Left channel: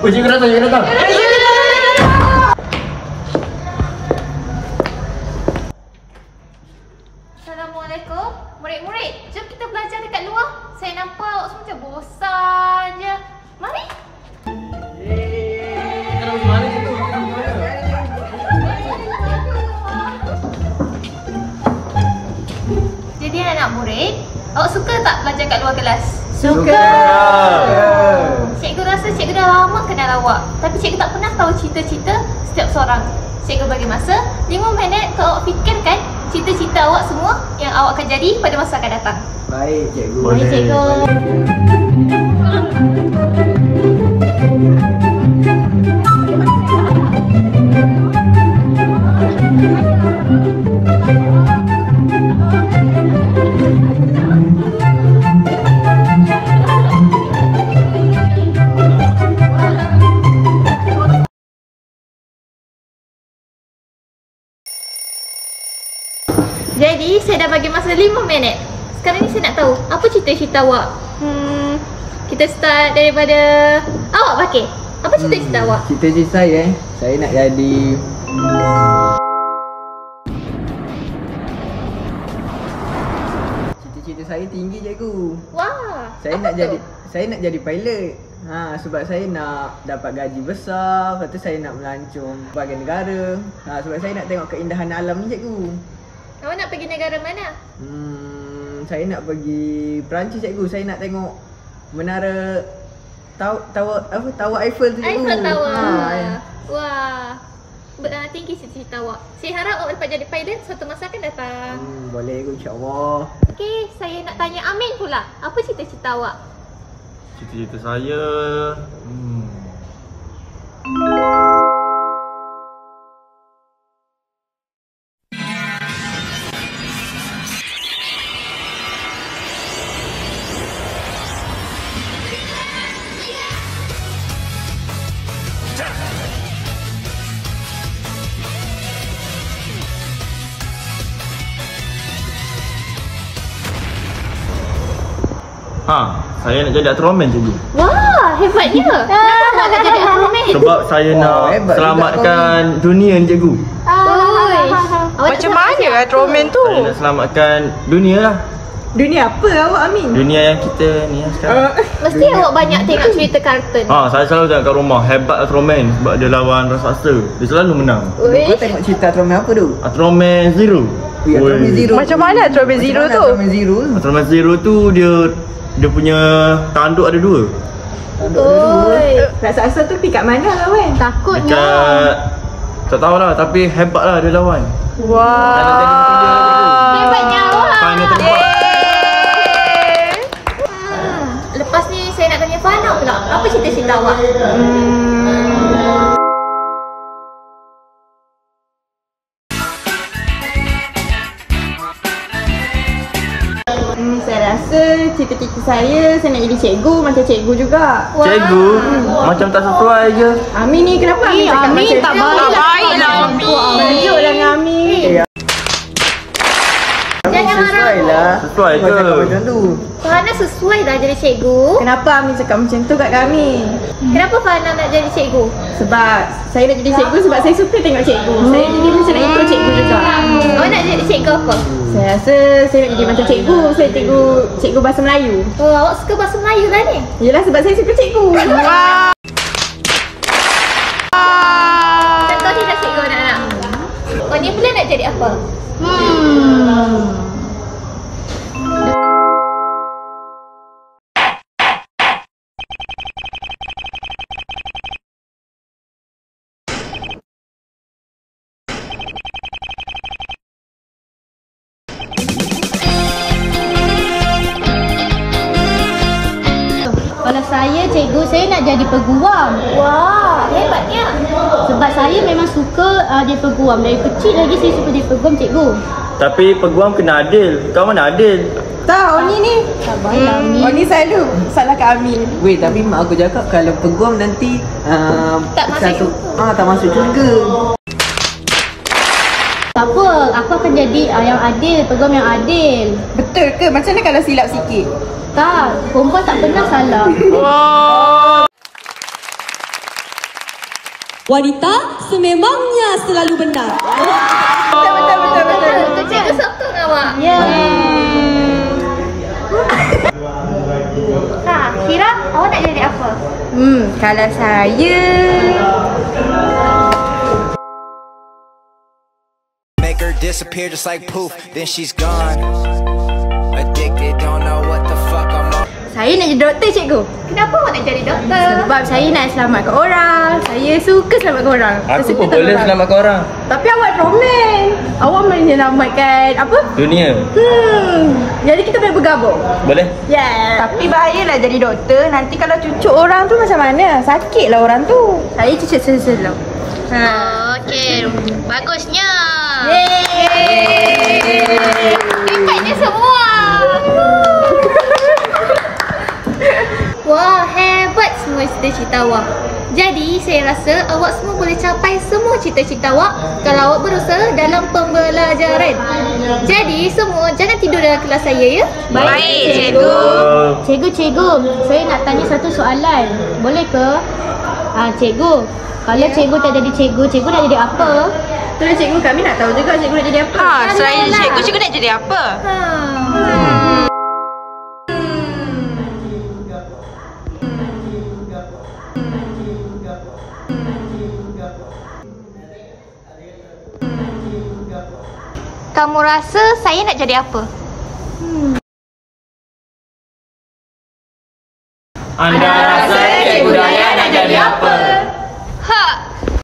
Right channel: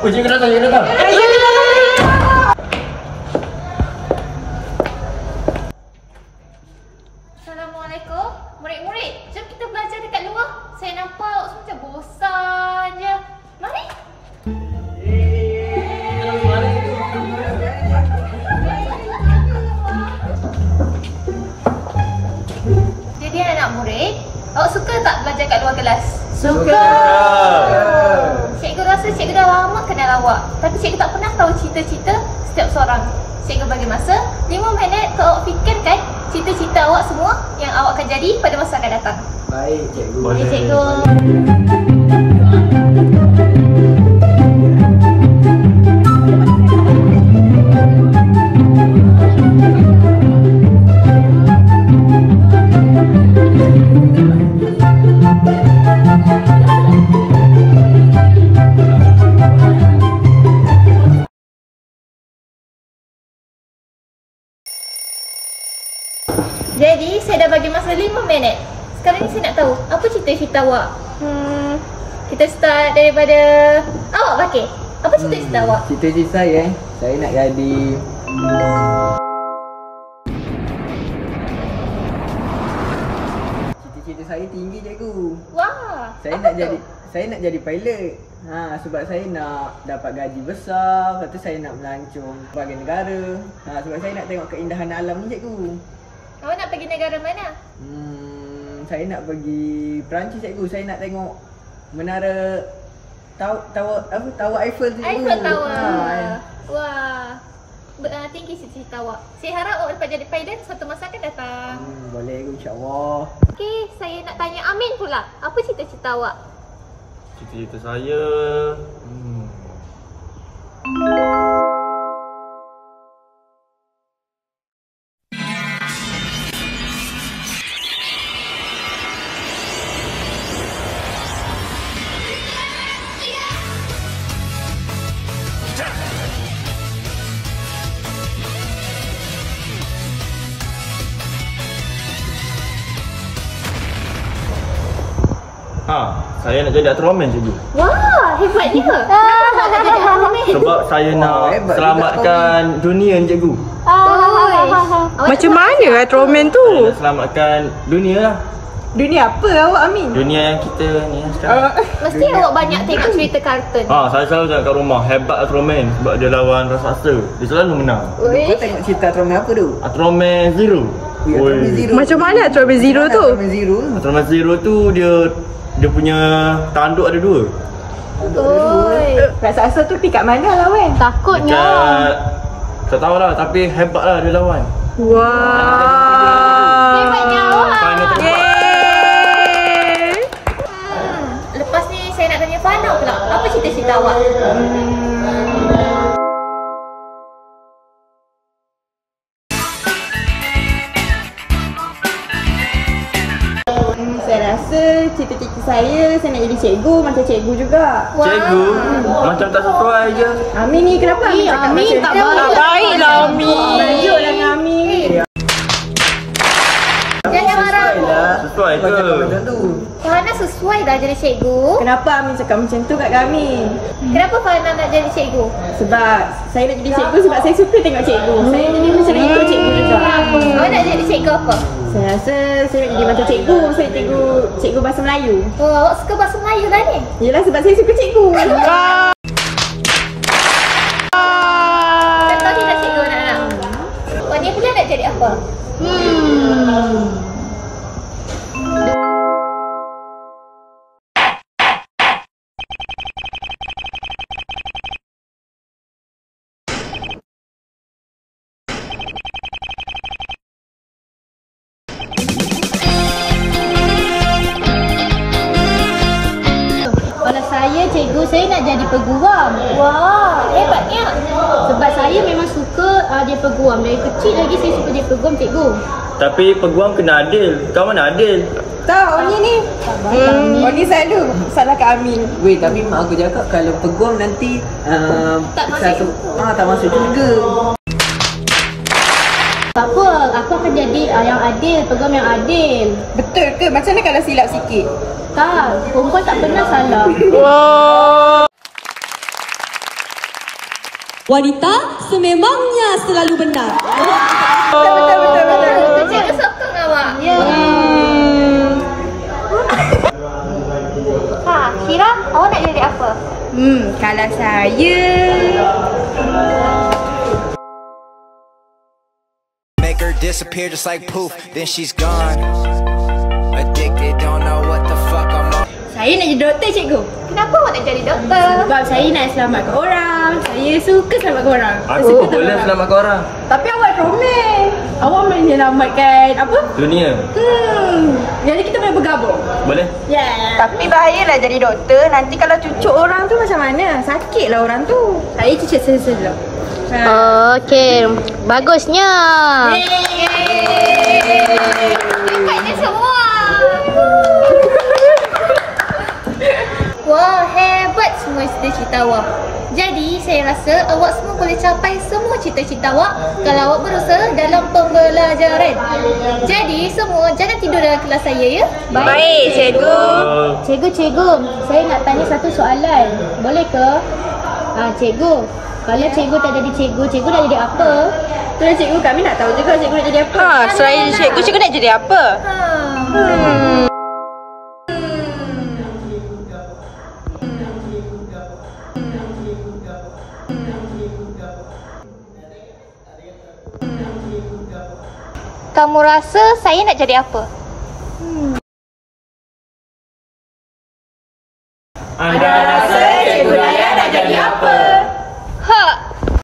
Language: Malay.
Oh, cikgu datang. Assalamualaikum. Murid-murid, jom kita belajar dekat luar. Saya nampak awak semua macam bosan je. Mari. Jadi anak murid, awak suka tak belajar kat luar kelas? Suka. Cikgu rasa cikgu dah lama kenal awak, tapi cikgu tak pernah tahu cita-cita setiap seorang. Cikgu bagi masa 5 minit untuk awak fikirkan cita-cita awak semua yang awak akan jadi pada masa akan datang. Baik, cikgu. Boleh, cikgu. Jadi, saya dah bagi masa 5 minit. Sekarang ni saya nak tahu, apa cita-cita awak? Kita start daripada awak, Bakir. Apa cita-cita awak? Cita-cita saya nak jadi cita-cita saya tinggi, cikgu. Wah, Saya nak jadi pilot. Sebab saya nak dapat gaji besar, lepas tu saya nak melancong berbagai negara. Sebab saya nak tengok keindahan alam ni, cikgu. awak nak pergi negara mana? Saya nak pergi Perancis, cikgu. Saya nak tengok menara Tower Eiffel tu, cikgu. Eiffel Tower. Wah, tinggi cita-cita awak. Saya harap awak dapat jadi pilot suatu masa akan datang. Boleh, cikgu, insya-Allah. Okey, saya nak tanya Amin pula. Apa cita-cita awak? Cita-cita saya saya nak jadi Ultraman, cikgu. Wah, hebatnya. Kenapa awak nak jadi Ultraman? Sebab saya nak selamatkan dunia, cikgu. Macam mana Ultraman tu? Saya nak selamatkan dunia lah. Dunia apa awak, Amin? Dunia yang kita ni lah sekarang. Mesti awak banyak tengok cerita kartun. Saya selalu tengok kat rumah. Hebat Ultraman sebab dia lawan raksasa. Dia selalu menang. Kau tengok cerita Ultraman apa tu? Ultraman Zero. Ultraman Zero. Macam mana Ultraman Zero tu? Ultraman Zero tu dia punya tanduk ada 2. Raksasa tu dekat mana lah, Wen? Takutnya. Dekat tak tahulah, tapi hebat lah dia lawan. Wah. Saya nak jadi mulia lah, cikgu. Hebatnya awak. Final terempat. Lepas ni saya nak tanya Fana pula. Apa cita-cita awak? Saya rasa cita-cita saya nak jadi cikgu macam cikgu juga. Cikgu? Macam tak sesuai je. Amin ni kenapa Amin cakap macam tu? Tak baik lah, Amin. Tajuklah dengan Amin. Jangan marah. Sesuai je. Macam tu. Fana sesuai dah jadi cikgu. Kenapa Amin cakap macam tu kat kami? Kenapa Fana nak jadi cikgu? Sebab saya nak jadi cikgu sebab saya suka tengok cikgu. Saya jadi macam nak ikut cikgu juga. Awak nak jadi cikgu apa? Saya rasa saya nak jadi macam cikgu. Saya cikgu bahasa Melayu. Oh, awak suka bahasa Melayu lah ni? Yelah sebab saya suka cikgu. Contoh ni dah cikgu anak-anak. Awak ni pula nak jadi apa? Kalau saya cikgu, saya nak jadi peguam. Wah, hebatnya. Sebab saya memang suka jadi peguam. Dari kecil lagi saya suka jadi peguam, cikgu. Tapi peguam kena adil. Kau mana adil? Tak, Oni ni. Oni selalu salah kat Amin. Weh, tapi mak aku cakap kalau peguam nanti Tak masuk tak masuk syurga. Tak apa, aku akan jadi yang adil, peguam yang adil. Betul ke? Macam mana kalau silap sikit? Tak, perempuan tak pernah salah. Wanita sememangnya selalu benar. Betul. Cikgu sokong awak. Syira, awak nak jadi apa? Kalau saya Make her disappear just like poof, then she's gone. Addicted, don't know what the fuck I'm on. Saya nak jadi doktor, cikgu. Kenapa awak nak jadi doktor? Sebab saya nak selamatkan orang. Saya suka selamatkan orang. Saya suka tolong orang. selamatkan orang. Tapi awak comel. Awak menyelamatkan apa? Dunia. Jadi kita boleh bergabung. Boleh? Yeah. Tapi bahayalah jadi doktor. Nanti kalau cucuk orang tu macam mana? Sakitlah orang tu. Saya cucuk selo-selo. Okey, bagusnya. Hebatnya semua. Wah, hebat semua cita-cita awak. Jadi, saya rasa awak semua boleh capai semua cita-cita awak kalau awak berusaha dalam pembelajaran. Jadi, semua jangan tidur dalam kelas saya, ya? Baik, cikgu. Cikgu, saya nak tanya satu soalan. Boleh ke? Cikgu, kalau cikgu tak jadi cikgu, cikgu nak jadi apa? Itulah cikgu, kami nak tahu juga cikgu nak jadi apa. Selain cikgu, cikgu nak jadi apa? Kamu rasa saya nak jadi apa?